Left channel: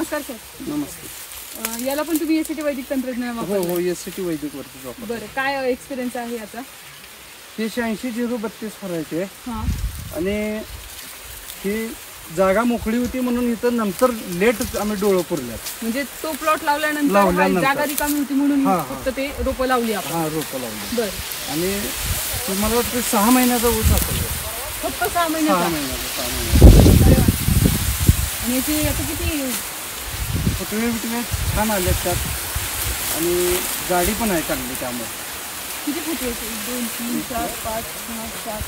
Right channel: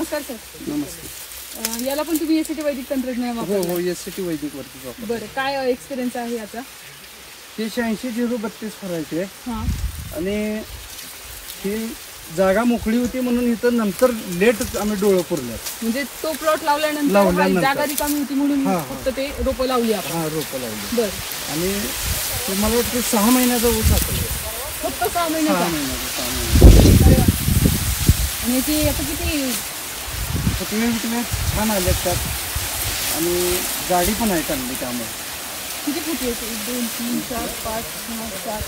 नमस्कार सर. नमस्कार. याला पण तुम्ही एसीटी वैदिक तंत्रज्ञान वापरता? हो, एसीटी वैदिक वरतीच वापरतो. बरं, काय एक्सपिरियन्स आहे याचा? 380-032 फरायचे हा. आणि ही जागा मोकळी होती म्हणून इथं नंतर लेट आम्ही डोळं पुरल्यात. म्हणजे तो प्लॉट लावल्यानंतर जागा रिकामी होती म्हणून फक्त ते रोपं लावली आपण? हा, रोपं लावली. बरं. आणि मला वाटतं 6 महिन्याचा ऊस असेल. फक्त 6 महिन्याचा? 6 महिन्याचा. आणि याची आता किती फुटवे छान आले त्यात आणि गाडी पण आहे चांगली. त्यामुळे किती फुट येते? 1 2 3 4 5 6 7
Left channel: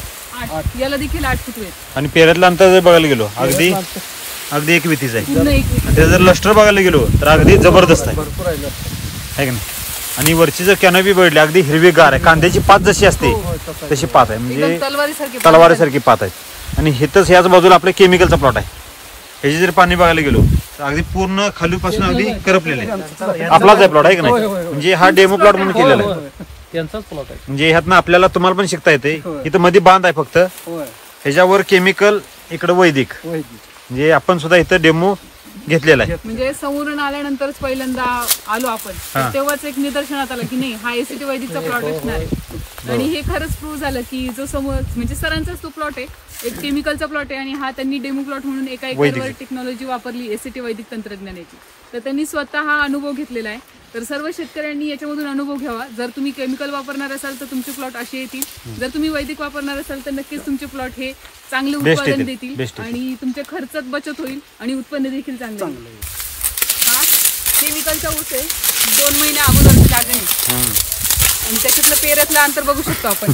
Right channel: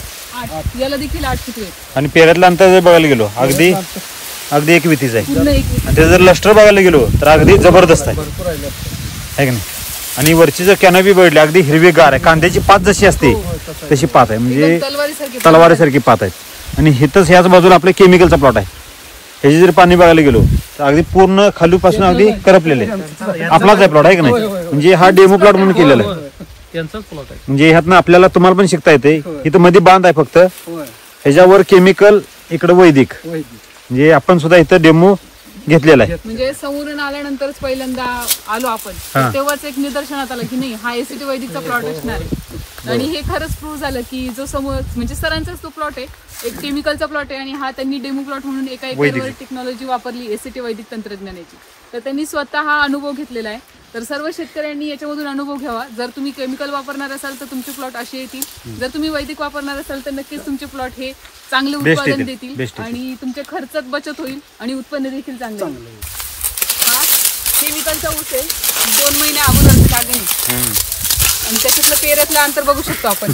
8. याला देखील 8 फुट आहेत. आणि पेऱ्यातलं अंतर जर बघायला गेलो अगदी 1 वितीच आहे. पूर्ण 1 विती. आणि ते जर लस्टर बघायला गेलो तर अगदी जबरदस्त आहे. भरपूर आहे का नाही? आणि वरची जर कॅनोपी बघितली अगदी हिरवीगार आहे. कांद्याची पात जशी असते तशी पात आहे. म्हणजे तलवारीसारखी पात आहे. आणि हिथंच याच बाजूला आपल्या केमिकलचा प्लॉट आहे. ह्याची जर पाणी बघायला गेलो तर अगदी पूर्ण खालूपासून अगदी करपलेले आपलाच आहे प्लॉट आहे का नाही? म्हणजे हा डेमो प्लॉट म्हणून केलेला आहे. म्हणजे ह्यातनं आपल्याला तुम्हाला पण शिकता येते. इथं मध्ये बांध आहे फक्त, ह्याच्यावर केमिकल, इकडे वैदिक. म्हणजे आपण सुद्धा इथं डेमो घेतलेला आहे. म्हणजे समोरून आल्यानंतरच पहिल्यांदा आलो आपण, तेव्हाच एक निदर्शनात आलं की नाही हा एसीटी वैदिकचा प्लॉट असणार आहे. आणि हे खरंच प्रूव्ह झालं की जो समोर म्हणजे सरांचाच तो प्लॉट आहे, एक केमिकलचा प्लॉट आहे आणि हा त्यांनी डेमो प्लॉट म्हणून एका एकरवर टेक्नॉलॉजी वापरली एसीटी वैदिक तंत्रज्ञानाची. तर त्यांनी स्वतः हा अनुभव घेतलेला आहे. तर सर्व शेतकऱ्यांनी याच्यामधून अनुभव घ्यावा. जर तुम्ही केमिकल वापरणार असाल तर तुमचे प्लॉट असे येतील, जर तुम्ही वैदिक वापरणार असाल तर नक्कीच तुमचे प्लॉट हे चांगले उत्पादन देतील आणि तुमच्या खर्चात बचत होईल आणि उत्पन्न देखील चांगलं होईल. हा केमिकलचा ऊस आहे, 2 महिने अगोदरची लागण आहे आणि त्याच्यातलं पेऱ्यातलं अंतर बघू शकतो आपण.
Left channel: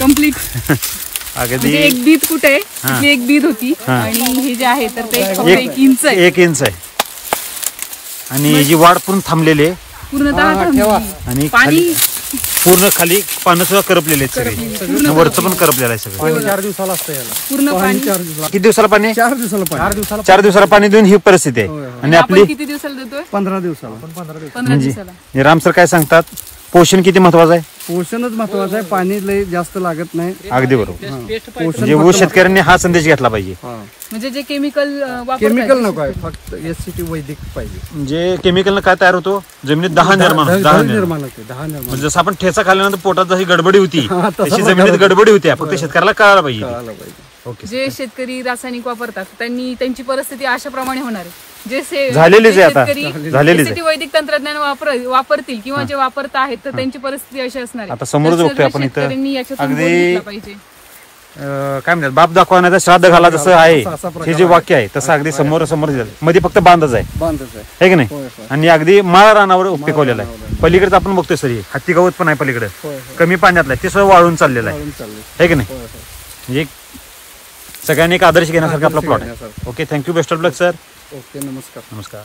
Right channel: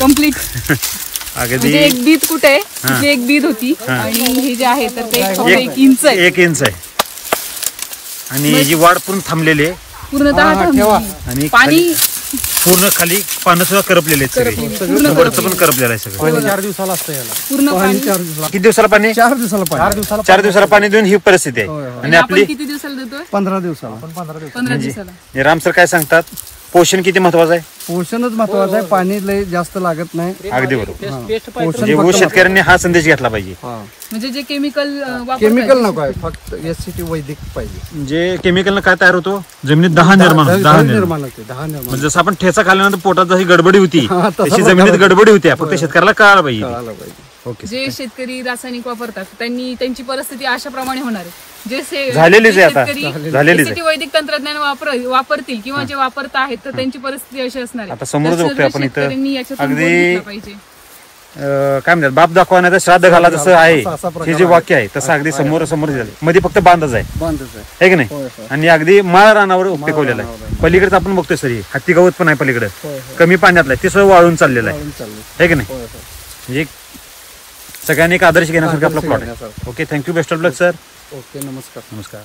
कम्प्लीट म्हणजे 1 बीत कुठे आहे, तिथे 1 बीत होती आणि हे जे आहे तर ते फक्त 1 इंच आहे. 1 इंच आहे आणि याची वाढ पूर्ण थांबलेली आहे, पूर्णतः थांबली. आणि पाणी पूर्ण खाली पानं सुद्धा करपलेले आहेत, वरचं पण करपलेलं आहे सगळं. पूर्ण पाणी किती दिवसाला पाणी? 4 दिवसाला पाणी. 4 दिवसाला पाणी देऊन ही परिस्थिती आहे. आणि आपली किती दिवसाला देतोय? 15 दिवसाला. 15 दिवसाला. राम सर काय सांगतात? पोषण किती महत्वाचं आहे? पोषणच महत्वाचं आहे. पाणी लय जास्त लागत नाही. अगदी बरोबर. पोषण म्हणजे शेतकऱ्यांनी हा संदेश घेतला पाहिजे. म्हणजे जे केमिकल नको आहे, फक्त एसीटी वैदिक पाहिजे. म्हणजे केमिकलनं काय तयार होतो? जमिनीत 10 निर्माण होते. जसं आपण ठेचा खाल्ल्यानंतर पोटात जशी गडबडी होती तशी जमिनीत गडबडी होती. फक्त शेतकऱ्याला कळायला पाहिजे. जे शेतकरी रासायनिक वापरतात त्यांची परिस्थिती अशाप्रमाणे होणार आहे. जे शेतकरी वैदिक तंत्रज्ञान वापरतील किंवा जे वापरत आहेत तर त्यांची परिस्थिती अशी असणार आहे. आता समोरच बघतोय आपण इथं अगदी काय म्हणतात, बाप दाखवण्याचं श्राद्ध घाला जसं आहे हे जे वाक्य आहे तसं अगदी समोर मध्ये फक्त बांधच आहे की नाही? आणि अगदी माळ रानावर पिकवलेला आहे. पलीकडे आपण बघतोय सर हत्ती गवत पण आहे पलीकडे, कमी पाण्यातलं आहे, ते सगळं वाळून चाललेलं आहे की नाही? म्हणजे सगळ्यांनी एक आदर्श घेण्यासारखा आपला प्लॉट आहे. Okay, thank you, best of luck sir. Okay, नमस्कार. नमस्कार.